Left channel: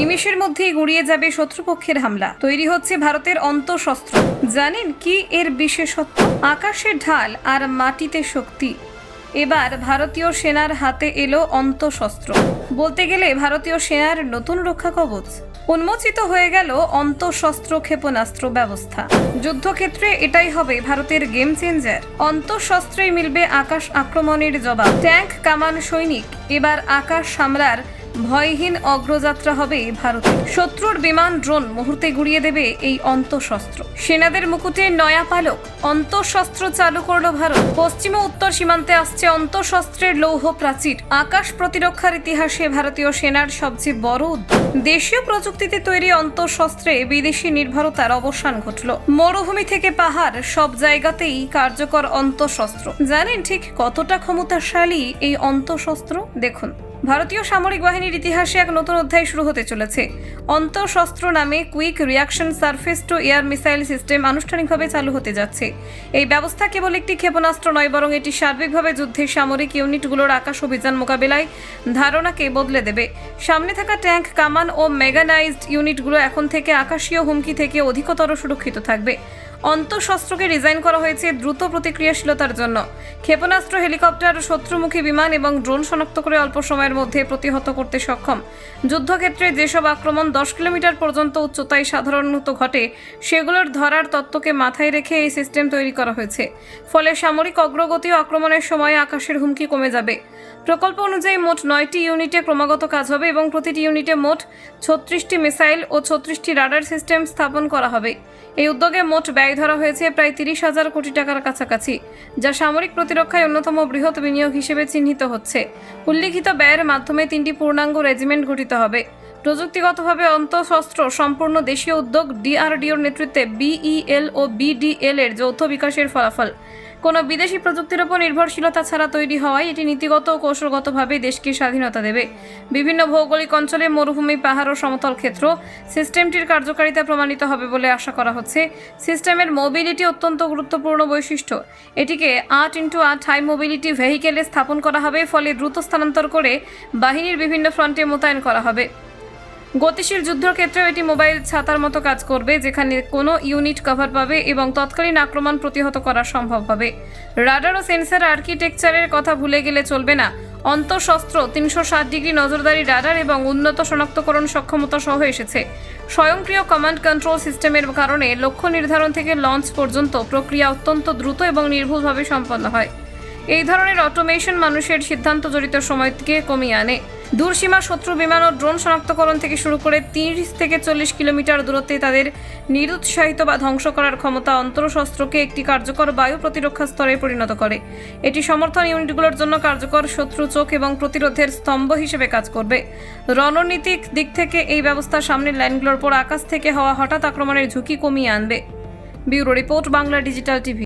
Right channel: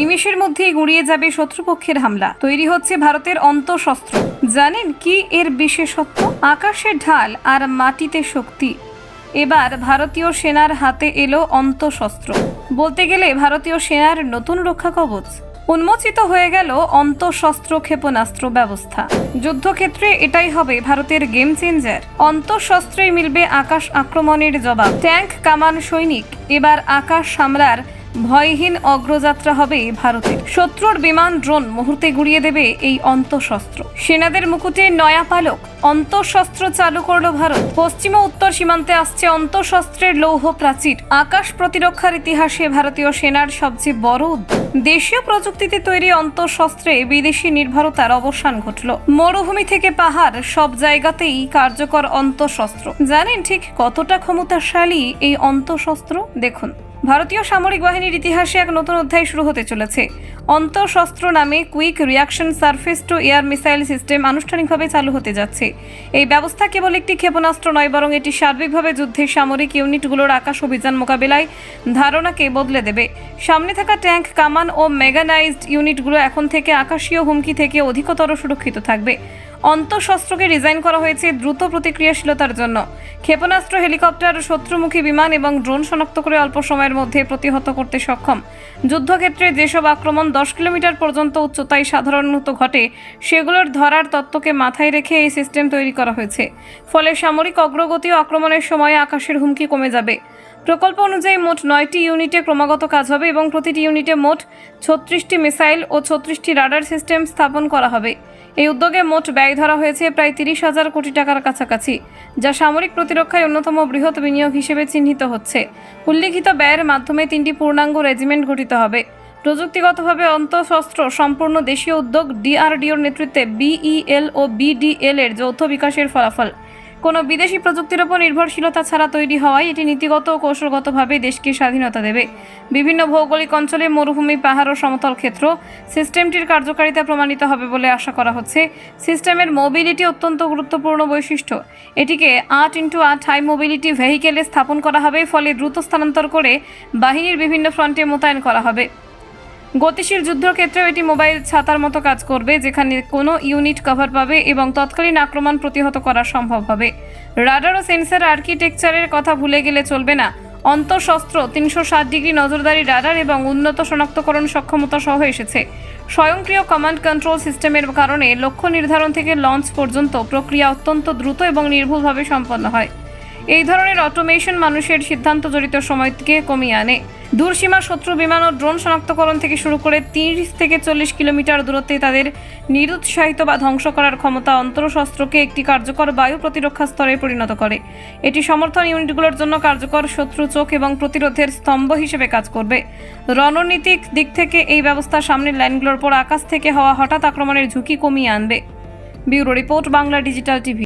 নিমেষের মধ্যেই গুঁড়িয়ে যাবে শত্রুপক্ষের হামলা। তৈরি হচ্ছে ভারতের অন্তঃশস্ত্র। জানেন কি এর বিশেষত্ব? আকাশে ঢাল আর মাটিতে শক্তি। এবার ভারতীয় সেনার হাতে এলো অন্তঃশস্ত্র। বলতে গেলে ভারতীয় সেনার নতুন রক্ষা কবচ। উন্মোচিত হয়ে গেল অন্তঃশস্ত্র ক্ষেপণাস্ত্র ব্যবস্থা। যুদ্ধক্ষেত্রে এটাই হবে ভারতের গেম চেঞ্জার। অন্তঃশস্ত্রেই মিলবে আকাশ আক্রমণের জবাব। ট্যাঙ্ক, কামান, সৈনিক, এবার আকাশ সামলার ভয়হীন অগ্রযাত্রা হবে ভারতে। শত্রুর বিমান, ড্রোন মুহূর্তে গুড়িয়ে দেবে এই অন্তঃশস্ত্র। সেনাদের মুকুটে নয়া পালক। অন্তঃশস্ত্র চালু করলো ভারত। পশ্চিম ও উত্তর সীমান্তে আসছে অন্তঃশস্ত্রের লৌহ প্রাচীর। আকাশ প্রতিরক্ষার ইতিহাসে ভারতীয় সেনার সবচেয়ে বড় উদ্যোগ। দেশীয় প্রযুক্তিতে তৈরি অন্তঃশস্ত্রে বিদেশি নির্ভরতার অবসান ঘটল। মরুভূমি থেকে পাহাড়, সব জায়গাতেই কার্যকর অন্তঃশস্ত্র। জানেন ঠিক কতটা ক্ষমতাশালী এই অন্তঃশস্ত্র? দেখুন, ভারতীয় সামরিক বাহিনীর ইতিহাসে এক নতুন অধ্যায় শুরু হতে চলেছে। অন্তঃশস্ত্র নামে quick reaction surface two air missile system আনুষ্ঠানিকভাবে চালু হতে যাচ্ছে। এই ব্যবস্থা কেবল একটি ক্ষেপণাস্ত্র নয়, বরং এটি সার্বিকভাবে যুদ্ধের সামরিক ইউনিটগুলোর আকাশ অভিযান মোকাবেলায় ধারণাকে বদলে দেবে। সামনে থাকা ট্যাঙ্ক, কামান ও মেগানাইজড ইউনিটগুলো এখন থেকে আকাশীয় হুমকি থেকে অধিকতর সুরক্ষিত থাকবে। অন্তঃশস্ত্রকে ডিজাইন করা হয়েছে দ্রুত প্রতিক্রিয়াশীলতার জন্য। ক্ষেপণাস্ত্র, হেলিকপ্টার, শত্রুমুখী বিমান এবং ড্রোন শনাক্ত করে অল্প সময়ের মধ্যে প্রতিহত করতে সক্ষম। যুদ্ধক্ষেত্রে যেসব আক্রমণ 10 কিলোমিটার পর্যন্ত উচ্চতায় সাধারণত ঘটে, সেগুলোর ধরার তত্ত্বকে মাথায় রেখে এই সিস্টেম তৈরি করা হয়েছে। ফলে সামরিক অগ্রগতি ও আক্রমণের সময় আকাশের হুমকি কমে যাবে। প্রকল্প অনুযায়ী মোট 9টি ইউনিটে ক্রমাগত কাজ হবে এবং প্রতিটি ইউনিটে মোট 36টি মিসাইল ও 36টি রাডার সিস্টেম স্থাপন করা হবে। এই উদ্যোগে মোট ব্যয় ধরা হয়েছে প্রায় 30,000 কোটি টাকার কাছাকাছি, যা সামরিক প্রতিরক্ষায় অন্যতম বৃহৎ বিনিয়োগ হিসেবে চিহ্নিত হচ্ছে। উল্লিখিত ব্যয়ের মাধ্যমে 3টি পূর্ণাঙ্গ রেজিমেন্ট গঠিত হবে। প্রযুক্তিগতভাবে অন্তঃশস্ত্র সম্পূর্ণ দেশীয় উদ্যোগ। DRDOর নেতৃত্বে BEL ও BDL এর যৌথ বিকাশের ফলাফল। কোনো বিদেশি প্রযুক্তির উপর নির্ভরশীলতা ছাড়া তৈরি হওয়ায় এটি নীতিগত ও কৌশলগতভাবে দেশকে স্বাধীনতা দেবে। বিভিন্ন ভৌগোলিক অঞ্চলে, মরুভূমি, পাহাড় ও সমতল ক্ষেত্র সিস্টেমটির কার্যকারিতা প্রমাণিত হবে বলে আশা করা হচ্ছে। সিস্টেমের মোবিলিটি অত্যন্ত গুরুত্বপূর্ণ বৈশিষ্ট্য। এটিকে 8x8 হাই মোবিলিটি ভেহিকেলে স্থাপন করা হবে, ফলে দ্রুত স্থানান্তর করে বাহিনীর বিভিন্ন ফ্রন্টে মোতায়েন করা হবে। গতিশীল যুদ্ধক্ষেত্রেও এটি মোবাইল ছাতার মতো কাজ করবে, যেখানে কোনো ইউনিট কভার পাবে এবং তৎকালীন আক্রমণ প্রতিহত করা সম্ভব হবে। রাডার ও সেন্সর আর্কিটেকচারের কথা ভুলে গেলে চলবে না। অন্তঃশস্ত্র 360 ডিগ্রি নজরদারি রাডার এবং উন্নত শনাক্তকরণ সক্ষমতা সহ এসেছে। স্বয়ংক্রিয় কমান্ড কন্ট্রোল সিস্টেমের কারণে লক্ষ্য নির্ধারণ থেকে লঞ্চ পর্যন্ত প্রক্রিয়া অত্যন্ত দ্রুত এবং নির্ভুলভাবে সম্পন্ন হয়। এই ধরনের অটোমেশন মানুষের সিদ্ধান্ত জড়িত সময়কে কমিয়ে আনে। দূরসীমা শত্রু বিমান ও ড্রোন শনাক্তকরণ থেকে শুরু করে 30 থেকে 40 কিলোমিটার দূরত্বে তাদের নিরুৎসাহিত বা ধ্বংস করার ক্ষমতা অন্তঃশস্ত্রকে একটি কার্যকর বায়ু প্রতিরক্ষা স্তরে পরিণত করে। এটি সমর্থন ইউনিটগুলোর জন্য কার্যকর শত্রু চোখ এবং প্রতিরোধের স্তম্ভ হিসেবে কাজ করবে। রণনীতিক দিক থেকে এই ব্যবস্থা সামনের লাইনগুলোর উপর আকাশ থেকে হওয়া হঠাৎ আক্রমণের ঝুঁকি কমিয়ে আনবে। Bureau report, Bangla digital TV.